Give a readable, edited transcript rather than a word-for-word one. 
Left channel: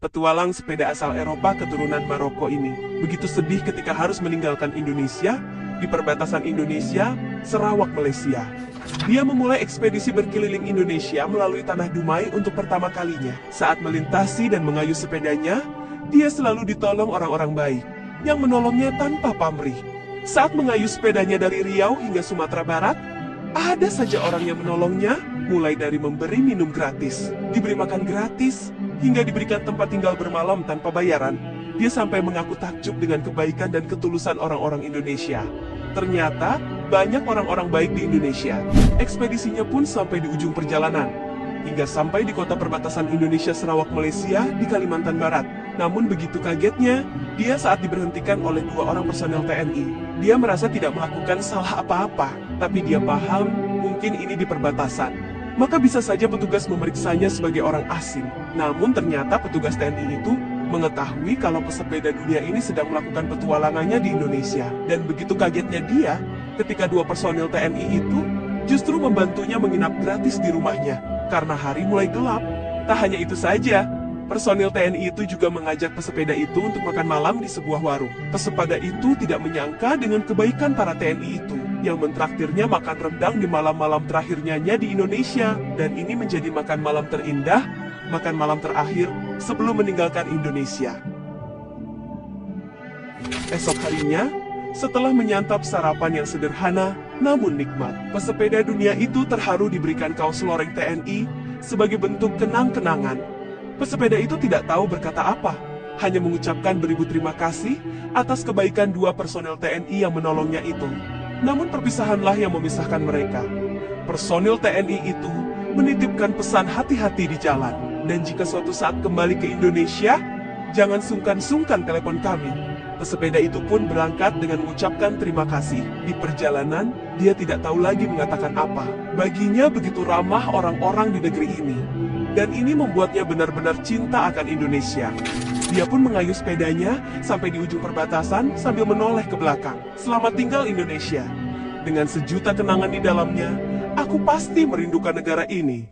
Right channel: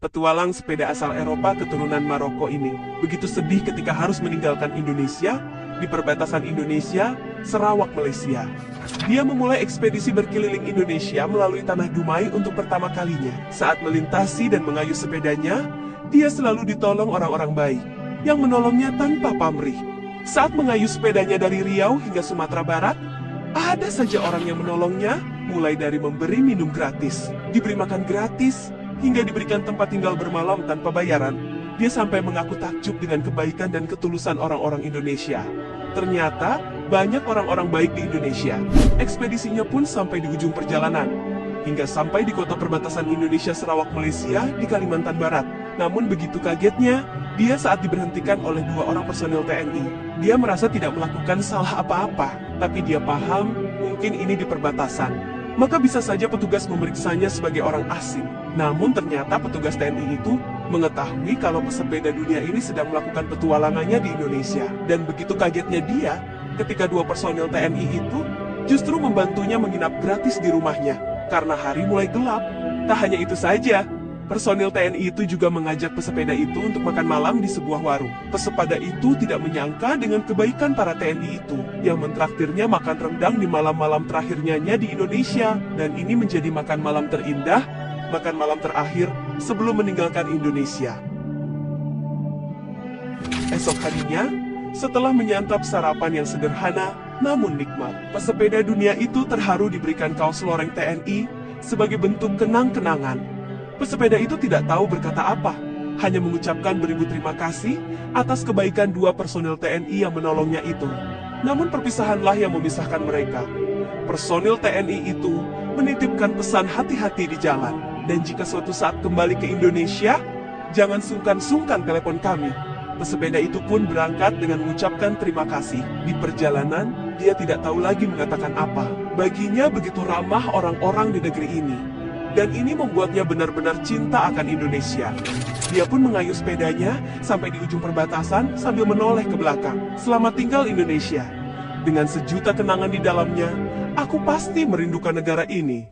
Petualang sepeda asal Eropa keturunan Maroko ini begitu sedih ketika harus meninggalkan Indonesia di perbatasan Indonesia, Sarawak, Malaysia. Dia memulai ekspedisi berkeliling Indonesia melalui Tanah Dumai untuk pertama kalinya. Saat melintasi dan mengayuh sepedanya, dia selalu ditolong orang-orang baik yang menolongnya tanpa pamrih. Saat mengayuh sepedanya dari Riau hingga Sumatera Barat, ada saja orang yang menolongnya, mulai dari memberi minum gratis, diberi makan gratis, hingga diberikan tempat tinggal bermalam tanpa bayaran. Dia sampai mengaku takjub dengan kebaikan dan ketulusan orang-orang Indonesia. Ternyata, banyak orang-orang baik di Indonesia. Ekspedisinya pun sampai di ujung perjalanan, hingga sampai di kota perbatasan Indonesia Sarawak, Malaysia di Kalimantan Barat. Namun begitu kagetnya, dia saat diberhentikan oleh 2 orang personel TNI. Dia merasa tidak melakukan salah apa-apa, tapi dia paham mungkin ini di perbatasan. Maka bisa saja petugas memeriksanya sebagai orang asing. Namun ternyata petugas TNI itu mengetahui kalau pesepeda dunia ini sedang melakukan petualangannya di Indonesia. Dan begitu kagetnya dia, ketika 2 personel TNI itu justru membantunya menginap gratis di rumahnya. Karena hari mulai gelap. Tak hanya itu saja, personil TNI itu juga mengajak pesepeda itu untuk makan malam di sebuah warung. Pesepeda itu tidak menyangka dengan kebaikan para TNI itu, yang mentraktirnya makan rendang di malam-malam terakhirnya di Indonesia. Dan ini menjadi makan malam terindah, makan malam terakhir sebelum meninggalkan Indonesia. Esok harinya, setelah menyantap sarapan yang sederhana namun nikmat, pesepeda dunia itu terharu diberikan kaos loreng TNI sebagai bentuk kenang-kenangan. Pesepeda itu tidak tahu berkata apa, hanya mengucapkan beribu terima kasih atas kebaikan 2 personel TNI yang menolongnya itu. Namun perpisahanlah yang memisahkan mereka. Personil TNI itu menitipkan pesan hati-hati di jalan. Dan jika suatu saat kembali ke Indonesia, jangan sungkan-sungkan telepon kami. Pesepeda itu pun berangkat dengan mengucapkan terima kasih. Di perjalanan, dia tidak tahu lagi mengatakan apa. Baginya begitu ramah orang-orang di negeri ini. Dan ini membuatnya benar-benar cinta akan Indonesia. Dia pun mengayuh sepedanya sampai di ujung perbatasan sambil menoleh ke belakang. Selamat tinggal Indonesia. Dengan sejuta kenangan di dalamnya, aku pasti merindukan negara ini.